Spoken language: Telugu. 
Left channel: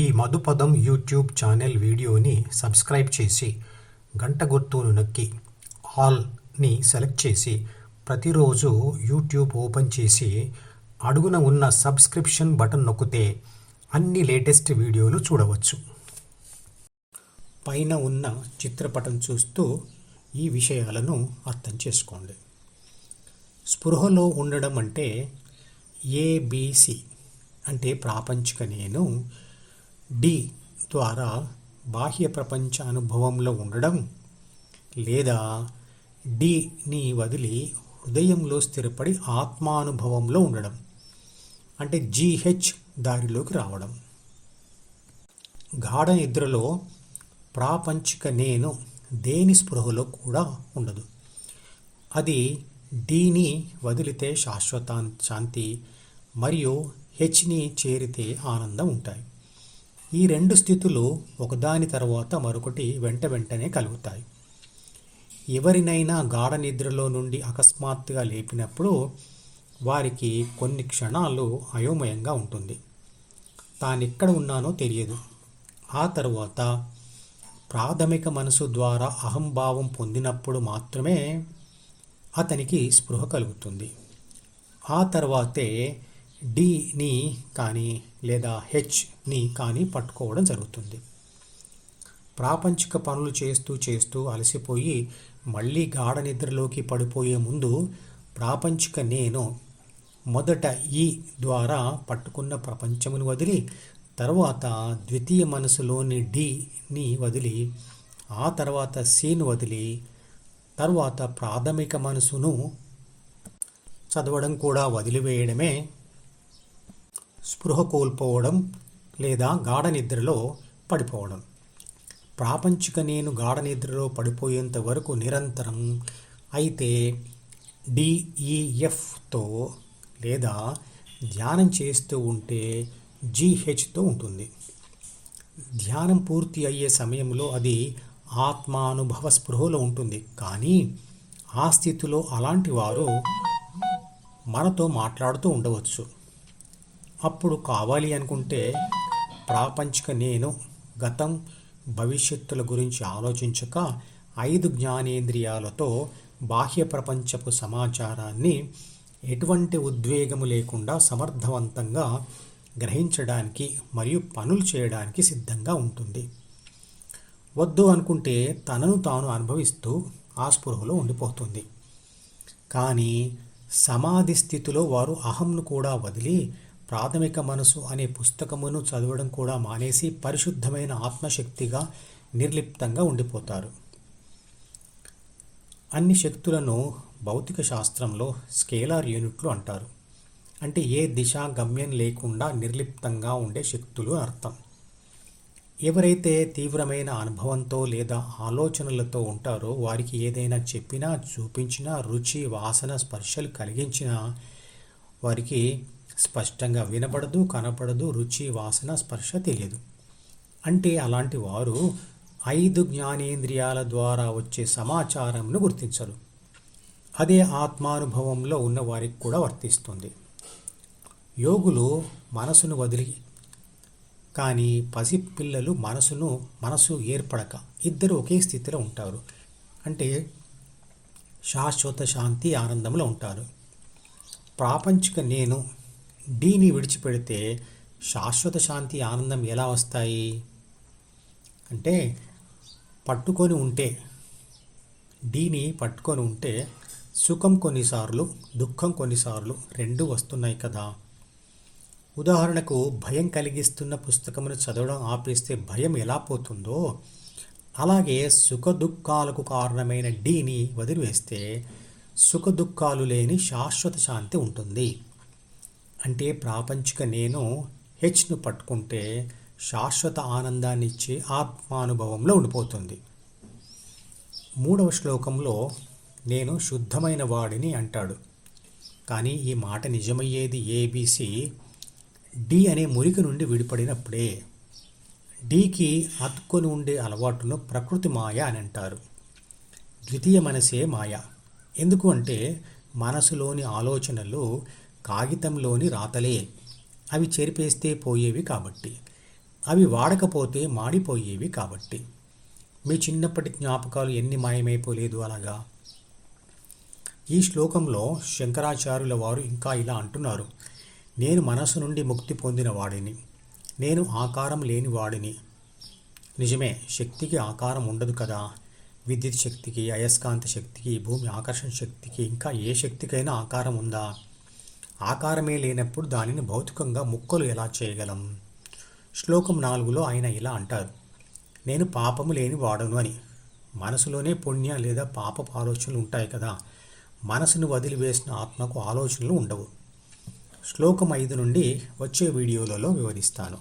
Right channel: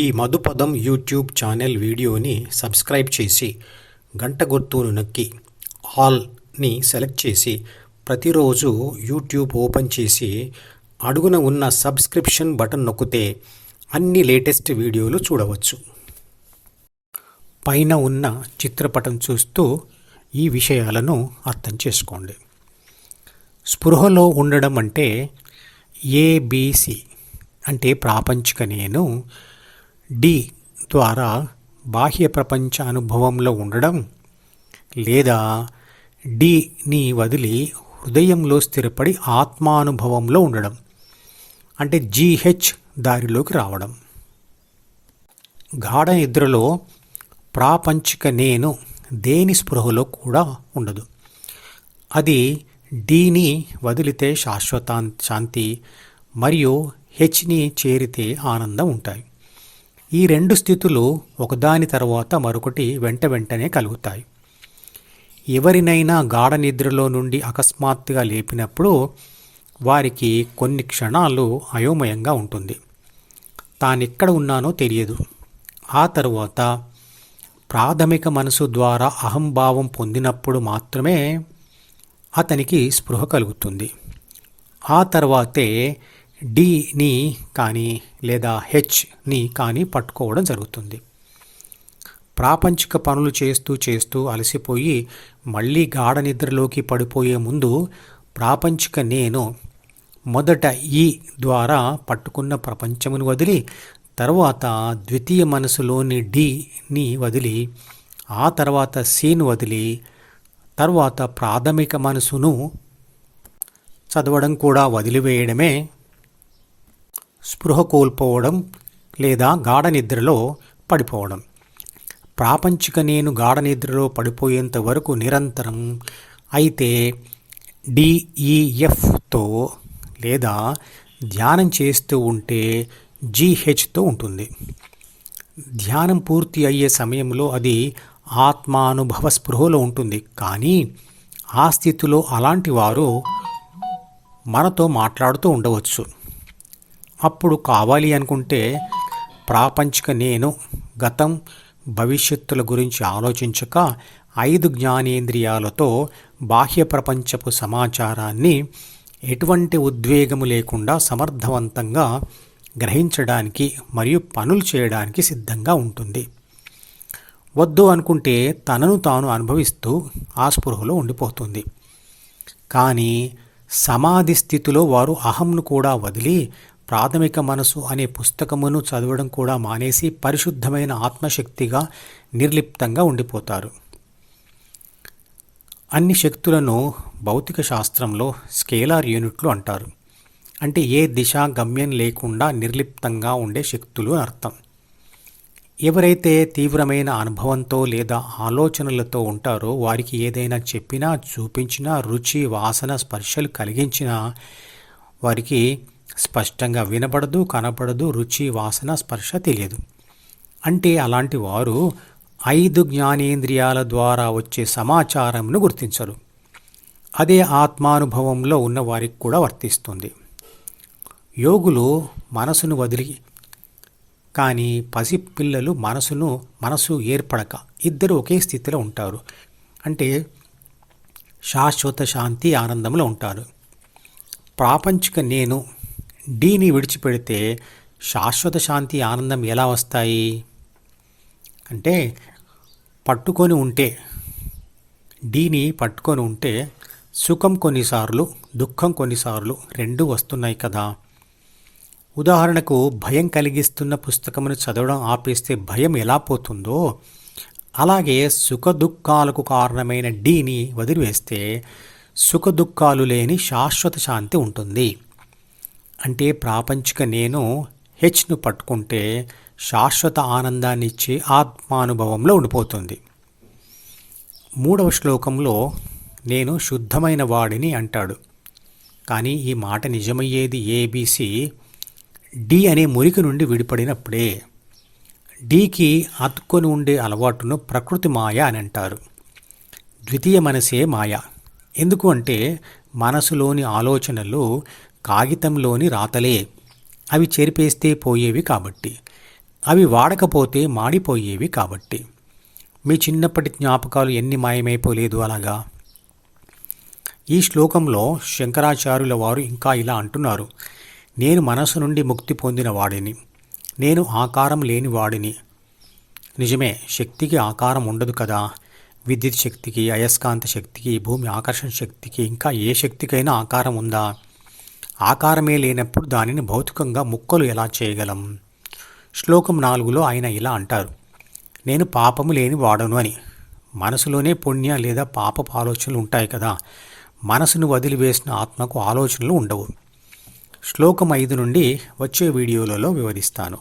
ఈ మధుపదం యూట్యూబ్ ఛానల్ వీడియోని సబ్స్క్రైబ్ చేసి గంట గుర్తును నొక్కి ఆల్ని సెలెక్ట్ చేసి ప్రతిరోజు యూట్యూబ్ ఓపెన్ చేసి అడుగున ఉన్న సబ్స్క్రిప్షన్ బటన్ నొక్కితే అన్ని లేటెస్ట్ వీడియోలు చూడవచ్చు. పైన ఉన్న చిత్రపటం చూస్తూ ఈ విషయాలను అర్థం చేసుకోండి. స్పృహలో ఉండడం అంటే ఏబిసి అంటే ప్రాపంచిక నేను డి ద్వారా బాహ్య ప్రపంచ అనుభవంలో ఉండడం లేదా డిని వదిలి హృదయంలో స్థిరపడి ఆత్మానుభవంలో ఉండడం అంటే జీహెచ్ దారిలోకి రావడం. గాఢ నిద్రలో ప్రాపంచిక నేను దేని స్పృహలో కూడా ఉండదు. అది డీని వదిలితే శాశ్వత శాంతి మరియు హెచ్ని చేరితే ఆనందం ఉంటాయి. ఈ రెండు స్థితులు ఒకదాని తర్వాత మరొకటి వెంట వెంటనే కలుగుతాయి. ఎవరినైనా గాఢ నిద్రలో నుండి అకస్మాత్తుగా లేపినప్పుడు వారికి కొన్ని క్షణాలు అయోమయంగా ఉంటుంది. తానెక్కడ ఉన్నానో తెలియదు. ఆ తరువాత ప్రాథమిక మనసు ద్వారా అహంభావం పొందినప్పుడు మాత్రమే అతనికి స్పృహ కలుగుతుంది. ఆ తర్వాతే డిని కానీ లేదా హెచ్ని కానీ పట్టుకోవడం జరుగుతుంది. ప్రాపంచిక పనులు చేస్తూ చేస్తూ అలసిపోయి మళ్ళీ గాఢ నిద్రలోకి పడిపోయే ముందు ప్రాపంచిక నేను మొదట ఈ ద్వారా పట్టుకున్న ప్రపంచమును వదిలి తర్వాత ద్వితీయ మనసులోని డిని వదిలి ఆ తర్వాత సిను వదిలి తర్వాత ప్రాథమిక మనసును చదవడం కూడా వదిలివేయడమే స్పృహ కోల్పోవడం లేదా గాఢ నిద్రలో పడిపోవడం. ప్రాపంచిక నేను గాఢ నిద్రలో పడిపోయేంత వరకు నిరంతరం అయితే డిఈఎఫ్తో లేదా ధ్యానం చేస్తూ ఉంటే జీహెచ్తో ఉంటుంది. ధ్యానం పూర్తి అయ్యే సమయంలో అది ఆత్మానుభవ స్పృహలో ఉంటుంది. కానీ ఆ స్థితిలో అలాంటి వారు మనతో మాట్లాడుతూ ఉండవచ్చు. అప్పుడు కావాలి అనుకుంటే ప్రాపంచిక నేను గతం భవిష్యత్తుల గురించి ఆలోచించక ఐదు జ్ఞానేంద్రియాలతో బాహ్య ప్రపంచపు సమాచారాన్ని ఎటువంటి ఉద్వేగము లేకుండా సమర్థవంతంగా గ్రహించడానికి మరియు పనులు చేయడానికి సిద్ధంగా ఉంటుంది. వద్దు అనుకుంటే తనను తాను అనుభవిస్తూ ఆ స్పృహలో ఉండిపోతుంది. కానీ సమాధి స్థితిలో వారు అహంను కూడా వదిలి ప్రాథమిక మనసు అనే పుస్తకమును చదవడం కూడా మానేసి పరిశుద్ధమైన ఆత్మశక్తిగా నిర్లిప్తంగా ఉండిపోతారు. అన్ని శక్తులను భౌతిక శాస్త్రంలో స్కేలార్ యూనిట్లు అంటారు. అంటే ఏ దిశ గమ్యం లేకుండా నిర్లిప్తంగా ఉండే శక్తులు అర్థం. ఎవరైతే తీవ్రమైన అనుభవంతో లేదా ఆలోచనలతో ఉంటారో వారికి ఏదైనా చెప్పినా చూపించినా రుచి వాసన స్పర్శలు కలిగించినా వారికి స్పష్టంగా వినపడదు కనపడదు రుచి వాసన స్పర్శ తెలియదు. అంటే అలాంటి వారు ఐదు జ్ఞానేంద్రియాల ద్వారా వచ్చే సమాచారంను గుర్తించరు. అదే ఆత్మానుభవంలో ఉన్న వారికి కూడా వర్తిస్తుంది. యోగులు మనసును వదిలి కానీ పసిపిల్లలు మనసును మనసు ఏర్పడక ఇద్దరు ఒకే స్థితిలో ఉంటారు. అంటే శాశ్వత శాంతి ఆనందంలో ఉంటారు. ప్రాపంచిక నేను డీని విడిచిపెడితే శాశ్వత శాంతి ఆనందం ఎలా వస్తాయి? అంటే పట్టుకొని ఉంటే డీని పట్టుకొని ఉంటే సుఖం కొన్నిసార్లు దుఃఖం కొన్నిసార్లు రెండు వస్తున్నాయి కదా. ఉదాహరణకు భయం కలిగిస్తున్న పుస్తకమును చదవడం ఆపేస్తే భయం ఎలా పోతుందో అలాగే సుఖ దుఃఖాలకు కారణమైన డీని వదిలివేస్తే సుఖ దుఃఖాలు లేని శాశ్వత శాంతి ఉంటుంది. అంటే ప్రాపంచిక నేను హెచ్ను పట్టుకుంటే శాశ్వత ఆనందాన్ని ఇచ్చే ఆత్మానుభవంలో ఉండిపోతుంది. మూడవ శ్లోకంలో నేను శుద్ధమైన వాడిని అంటాడు. కానీ ఈ మాట నిజమయ్యేది ఏబీసీ డి అనే మురికి నుండి విడిపడినప్పుడే డీకి అతుక్కొని ఉండే అలవాటును ప్రకృతి మాయ అని అంటారు. ద్వితీయ మనసే మాయ. ఎందుకు అంటే మనసులోని ఆలోచనలు కాగితంలోని రాతలే. అవి చెరిపేస్తే పోయేవి కాబట్టి. అవి వాడకపోతే మాడిపోయేవి కాబట్టి. మీ చిన్నప్పటి జ్ఞాపకాలు ఎన్ని మాయమైపోలేదు అలాగా? ఈ శ్లోకంలో శంకరాచార్యుల వారు ఇంకా ఇలా అంటున్నారు. నేను మనసు నుండి ముక్తి పొందిన వాడిని. నేను ఆకారం లేని వాడిని. నిజమే శక్తికి ఆకారం ఉండదు కదా. విద్యుత్ శక్తికి అయస్కాంత శక్తికి భూమి ఆకర్షణ శక్తికి ఇంకా ఏ శక్తికైనా ఆకారం ఉందా? ఆకారమే లేనప్పుడు దానిని భౌతికంగా ముక్కలు ఎలా చేయగలం? శ్లోకం నాలుగులో ఆయన ఇలా అంటారు. నేను పాపము లేని వాడను అని. మనసులోనే పుణ్య లేదా పాపపు ఆలోచనలు ఉంటాయి కదా. మనసును వదిలివేసిన ఆత్మకు ఆలోచనలు ఉండవు. శ్లోకం ఐదు నుండి వచ్చే వీడియోలలో వివరిస్తాను.